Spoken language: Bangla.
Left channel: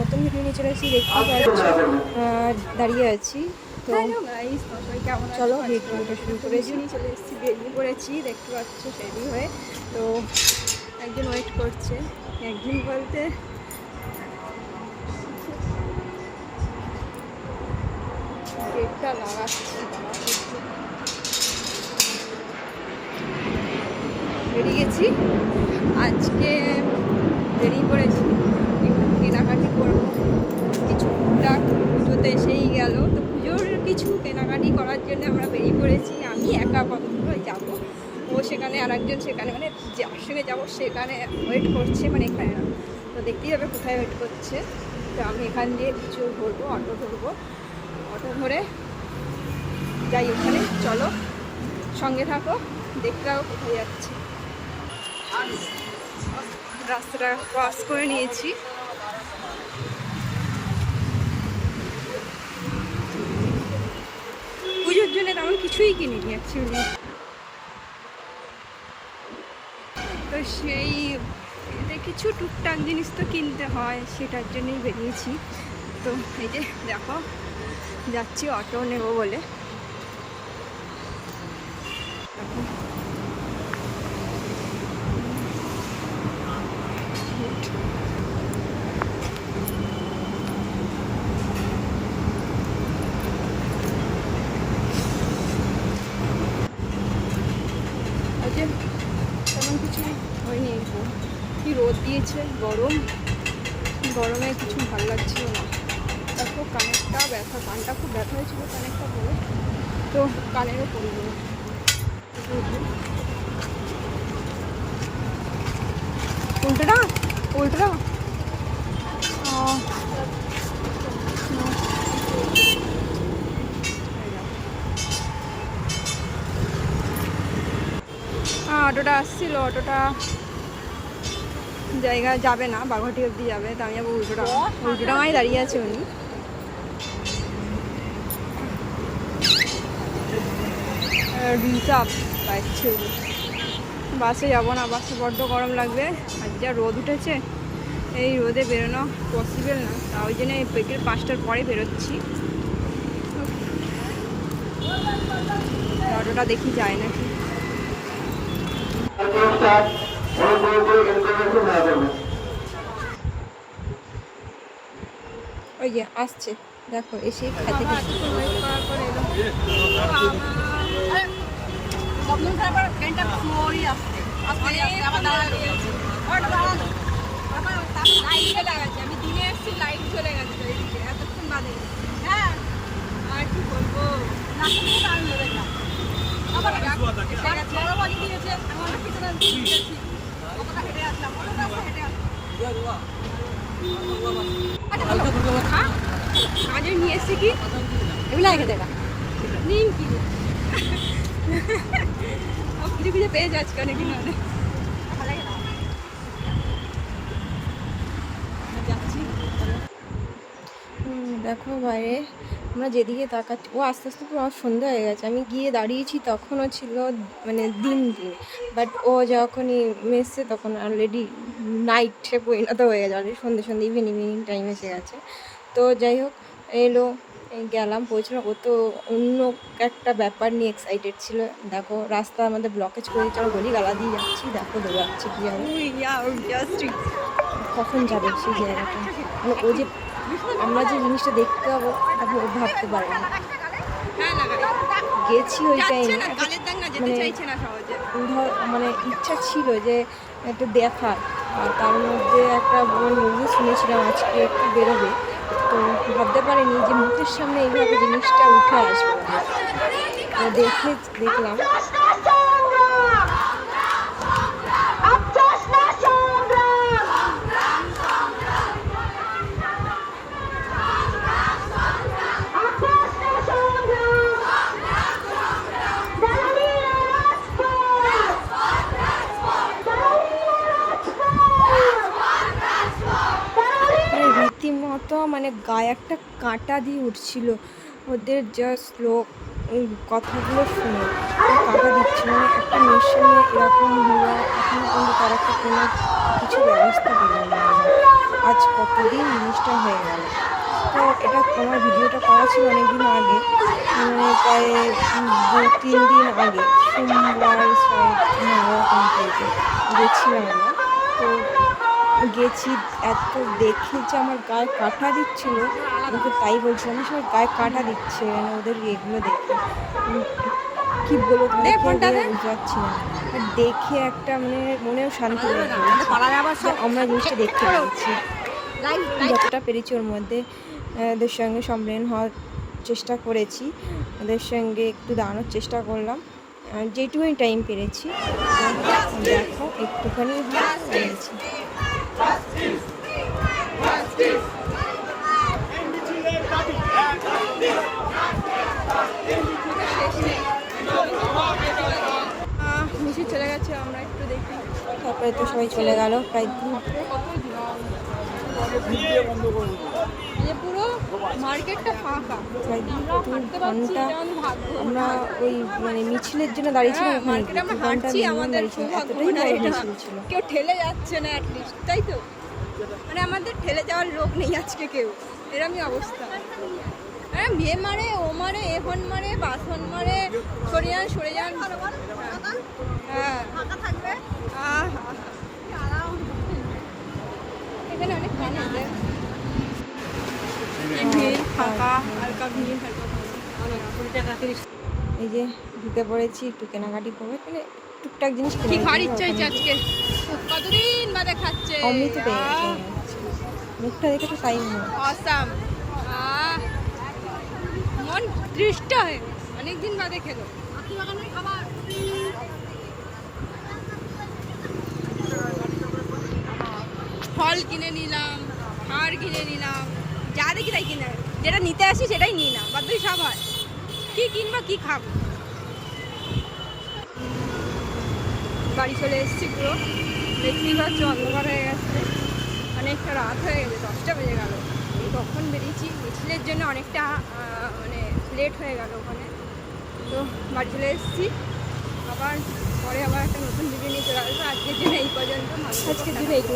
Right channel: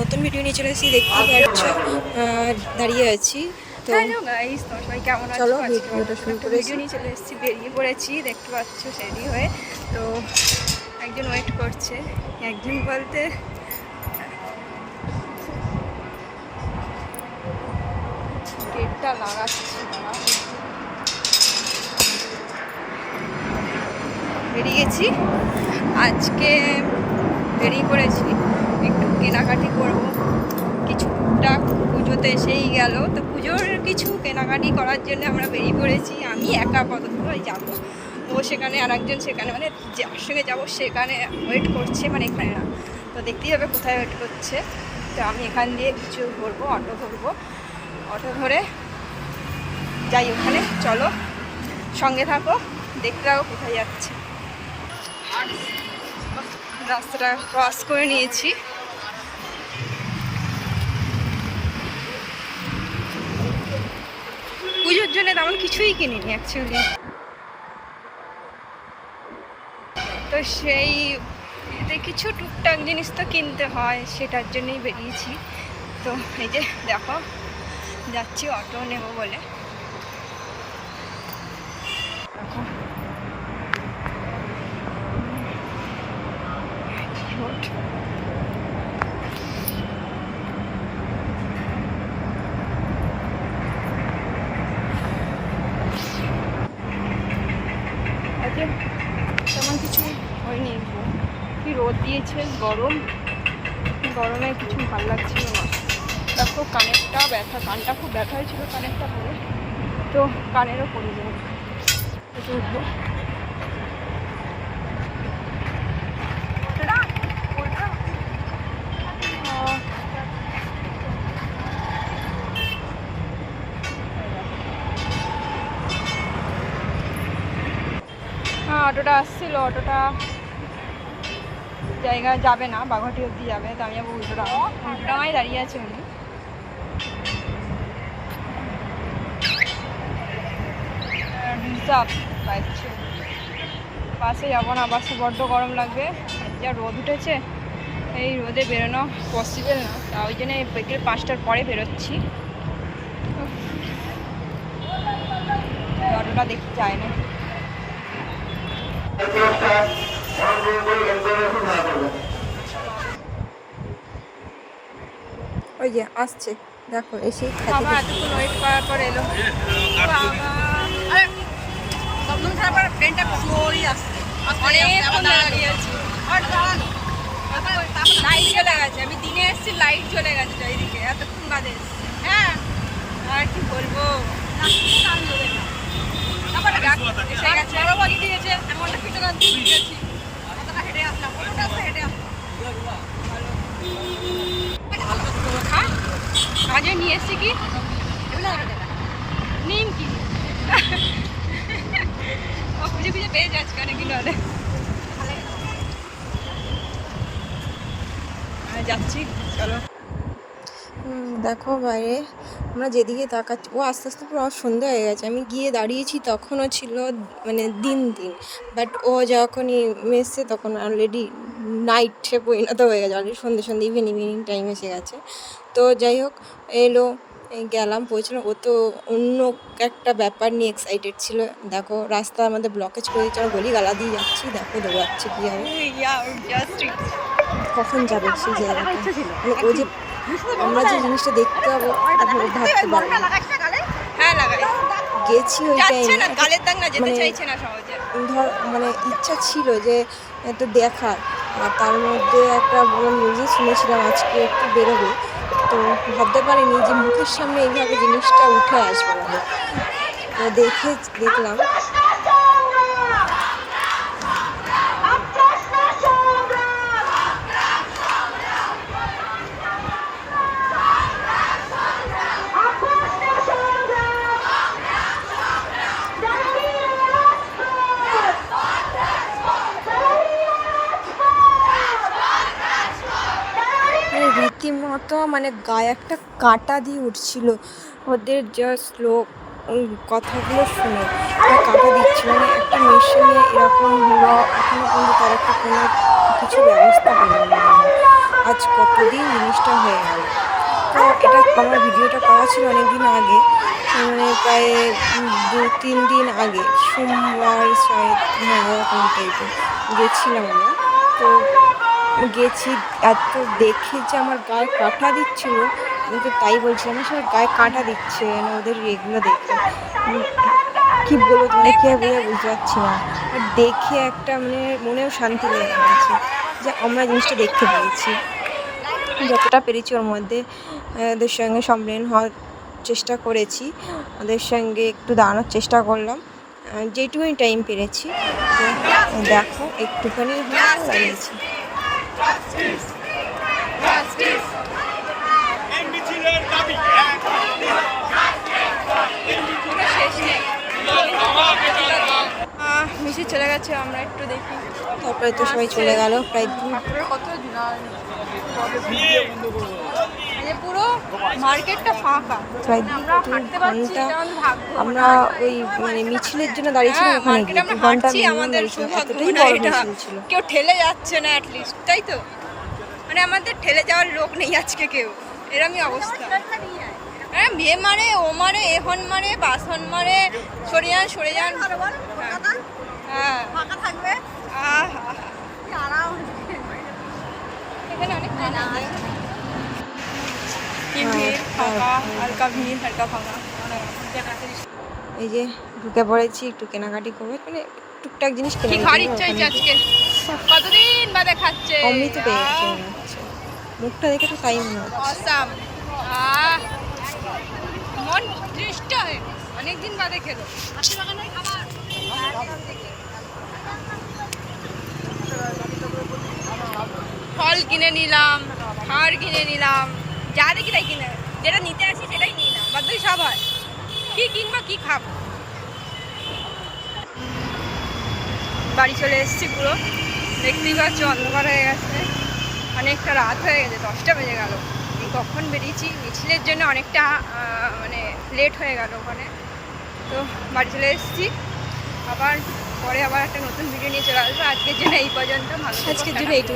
নতুন ভিডিও নিয়ে চলে এসেছি দেখতেই পাচ্ছ। দাঁড়িয়ে আছি। তো গাইস তোমার সবাই কেমন। ভিডিও নিয়ে চলে এসেছি বেরিয়ে পড়েছি দেখতে পাচ্ছ রেডি হয়ে। তো একজন ওয়েট করছে একজন বলতে গেটটা লাগাচ্ছি। বেরিয়ে গেছি। আজকে বেরিয়ে পড়েছি। কেনাকাটি করব। কিছু টুকটাক পুজোতে এসেই গেল। তো পুজোর কিছু কেনাকাটি করার জন্য আমরা বেরিয়ে পড়েছি। আমি একা আপাতত যাব। ও সেখানে আর একজন সেখানে মানে যার সঙ্গে যাব সেখানে ওয়েট করছে মানে এখানে না। তো দেখতেই হবে কোথায় ওয়েট করছে। তো আমি এখান দিয়ে কিছু ধরবো অটো ধরবো। অটো ধরে যাই ওখানে। চলো, সঙ্গে থাকো, দেখতে থাকো কোথায় যাচ্ছে। রাস্তাটা ক্রস করে নিয়েছি। পুজোর জন্য তেমন কিছুই কিনিনি অ্যাকচুয়ালি তো সেই কিছু টুকটাক জিনিস তো কিনতে হয়, সেটার জন্যই বেরিয়েছি। তো এই যে, দেখো, যাচ্ছি অটো নেব বলে। দেখো। রোড আজকে তেমন কিছু হয়নি গো কি রোদ দিয়েছে, গরম। গরমে কিছু ভালো লাগছিল না। দেখো, কানেরটা ব্যথা, কানটা খুব ব্যথা হয়েছিল কানেরটা পরে তো কানেরও যাবে একটু উঠবো উল্টোটা উল্টোটা আহ, এই দেখো। হ্যাঁ অটোটা আসছিল, অটোটা জায়গা যাবে না, বাঘাটি অব্দি যাবে, তো আমি যাব উল্টোডাঙা উল্টোডাঙায় দাঁড়িয়ে আছে উনি চাপ পাচ্ছে বাসে যাব না, বাসে বড্ড গরম লাগবে আর যা রোদ উঠেছে, এই রোদে বেরোনো পসিবল না, তা ওই জন্য বিকেল পাঁচটার পরে বেরোচ্ছি। অটোটা দেখি যায় নাকি। ওই যে আসছে। দেখো এসে এতক্ষণ ওয়েট করার পর এলো। দমদম ছাড়ার পর ট্রেনটা স্লোই আসছে। অনেকক্ষণ দাঁড়িয়ে আছি। লাইট চলে গেছে। আমি দিনে এসেছি লাইট চলে গেছে চারিদিকে এতক্ষণ বাদে এসেছি। হ্যাঁ। আর কি বলব? আজও নিয়ে এসেছি কি? এগুলো আগে দেবে নিম কি? খুঁজে খুঁজে পেয়ে যাচ্ছে অনেকদিন হলে আর যাচ্ছি, চলো। দেখো বাইরে আমরা যেদিকে তাকাচ্ছি ও আস্তে আস্তে পুরো সন্ধে হয়ে গেছে। আমি গিয়ে দাঁড়িয়েছি তখনও ছিল মানে দিন দিন। বাট ও যখনই মেসছে তখন অলরেডি নাইটে পরিণত হয়ে গেছে। অলরেডি সন্ধে সন্ধে ইভিনিং ইভিনিং টাইম এসে গেছে। তো যাই হোক এলো গেলাম পৌঁছলাম। ও তো অন্য একটা ব্যাপার নিয়ে এক্সাইটেড ছিল। দেখো রাস্তা আমাদের ব্লকেজ করে দিচ্ছে গলি গালা দিয়ে যাচ্ছি। দেখো দৌড়াচ্ছে কী হবে। কখন যাবে সেই জায়গাটা? মানে ও যে আমরা যে জিনিসটা দেখতে পাবো ও ভাবতে পারে না। হ্যাঁ লাগাই। গেছি ওই টাইমে গালের দাগ না যেতে মানে- চাইছে না সহজে। ধর মানে ইচ্ছা ছিল যে একটু দেখার আর তার মধ্যে একটা বড় নিউজে শুনেছিলাম আজকে একটু বেরোবে। তো ভাবতে পারিনি যে মুখের সামনে এইভাবে জিনিসটা উঠে আসবে। দেখে দেখলাম মানে রীতিমতো মানে গায়ে একটা কাঁটা দিয়ে উঠছিল। ওদের জাস্ট লোক, ওই কথাগুলো শুনে একটা কাঁটা দিচ্ছিল। মানে একটা মেশিনে এরকম হলো, এখনও কিন্তু তার একটা কোনো কিছু ব্যবস্থা পেলাম না। আজ কতদিন জিনিসটা হয়ে গেল। তো এটা আমার ভিডিওটা করা ছিল অনেক দিন আগে। মানে প্রায় দু, তিন দিন আগে, সোমবার হ্যাঁ এরকম টাইপের গেছিলাম আমরা। তো গেছি এত দেখে যে আমার গায়ে কাঁটা দিচ্ছিল। আমি তো তাই বলছিলাম সব গায়ে কাঁটা দিচ্ছে মানে ওদের এগুলো দেখে। কী বলব তোমাদের কে বোঝা বুঝতে পারছি না। আর দেখে একটা মানে মনেও শান্তি লেগে গেছে যে আমরা জিনিসটা দেখতে পেরেছি যতটা পেরেছি ওর মধ্যে ওদের সঙ্গে সম্মেলন হওয়ার চেষ্টা করেছি ওদের সঙ্গে একটু দাঁড়ানোর চেষ্টা করলাম। আহ, যেটুকুনি টাইম পেরেছি দেখো একটুখানি লাগিয়েছে। মিশি চলে গেছে আমরা একটু দেখি। তারপরে তো সবাই চলে গেল প্রায় কত পুরো মার্কেটটা ফাঁকা। মানে আমরা হাঁটতে পারছি এটা আমাদের ভাগ্য আমরা ওই মানে মিছিলের জন্য দাঁড়িয়েছিলাম হ্যাঁ, ওখানে মার্কেটে আমরা হাঁটছি আমাদের। সৌভাগ্য হয় এটা কেউ ঠেলে যাচ্ছে না অ্যাটলিস্ট তাই তো? মানে আমাদের ঠেলে যাওয়ার লোক নেই আজকে কেউ। এরমই অবস্থা। হ্যাঁ বিয়ে মারে ও মারে এখন মারে বাসন মারে সরে যান সরে যান। হ্যাঁ। আহ, এখানে অনেক ফাঁকা এই যে ঢুকে পড়েছি একটু কেনাকাটি করব মানে টুকটাক জিনিস কি খাওয়ার ইচ্ছা হয়েছে আজকে? কতদিন বাদে খাচ্ছে অমৃত মুখটা দেখে তো তাই মনে অসাম। মন দৃষ্ট হয় অনেক দিন বাদে খেলো। ফল কিনে নিলাম খাওয়ার কিনে নিলাম যা দেখি তাই কিনে। যেটা নিতে আসি সেটাই নিই না বাদ বাকি সব হয়। কি কিনবো কি খাব? বাড়ি চলে এসেছি পুরো। দেখতেই পাচ্ছ অন্ধকার হয়ে গেছে। অনেকটা রাত হয়ে গেছে দশটা বেজে গেল। এই কখন বেরিয়েছি? মিছিলের জন্য অনেকটা মানে লেট হয়ে গেল ওখানে। তো বাড়ি চলে এসেছি। আবার পরে আবার একটা নতুন ভিডিও নিয়ে চলে আসব। আজকের জন্য এই পর্যন্ত। আজকের। জন্য এইটুকু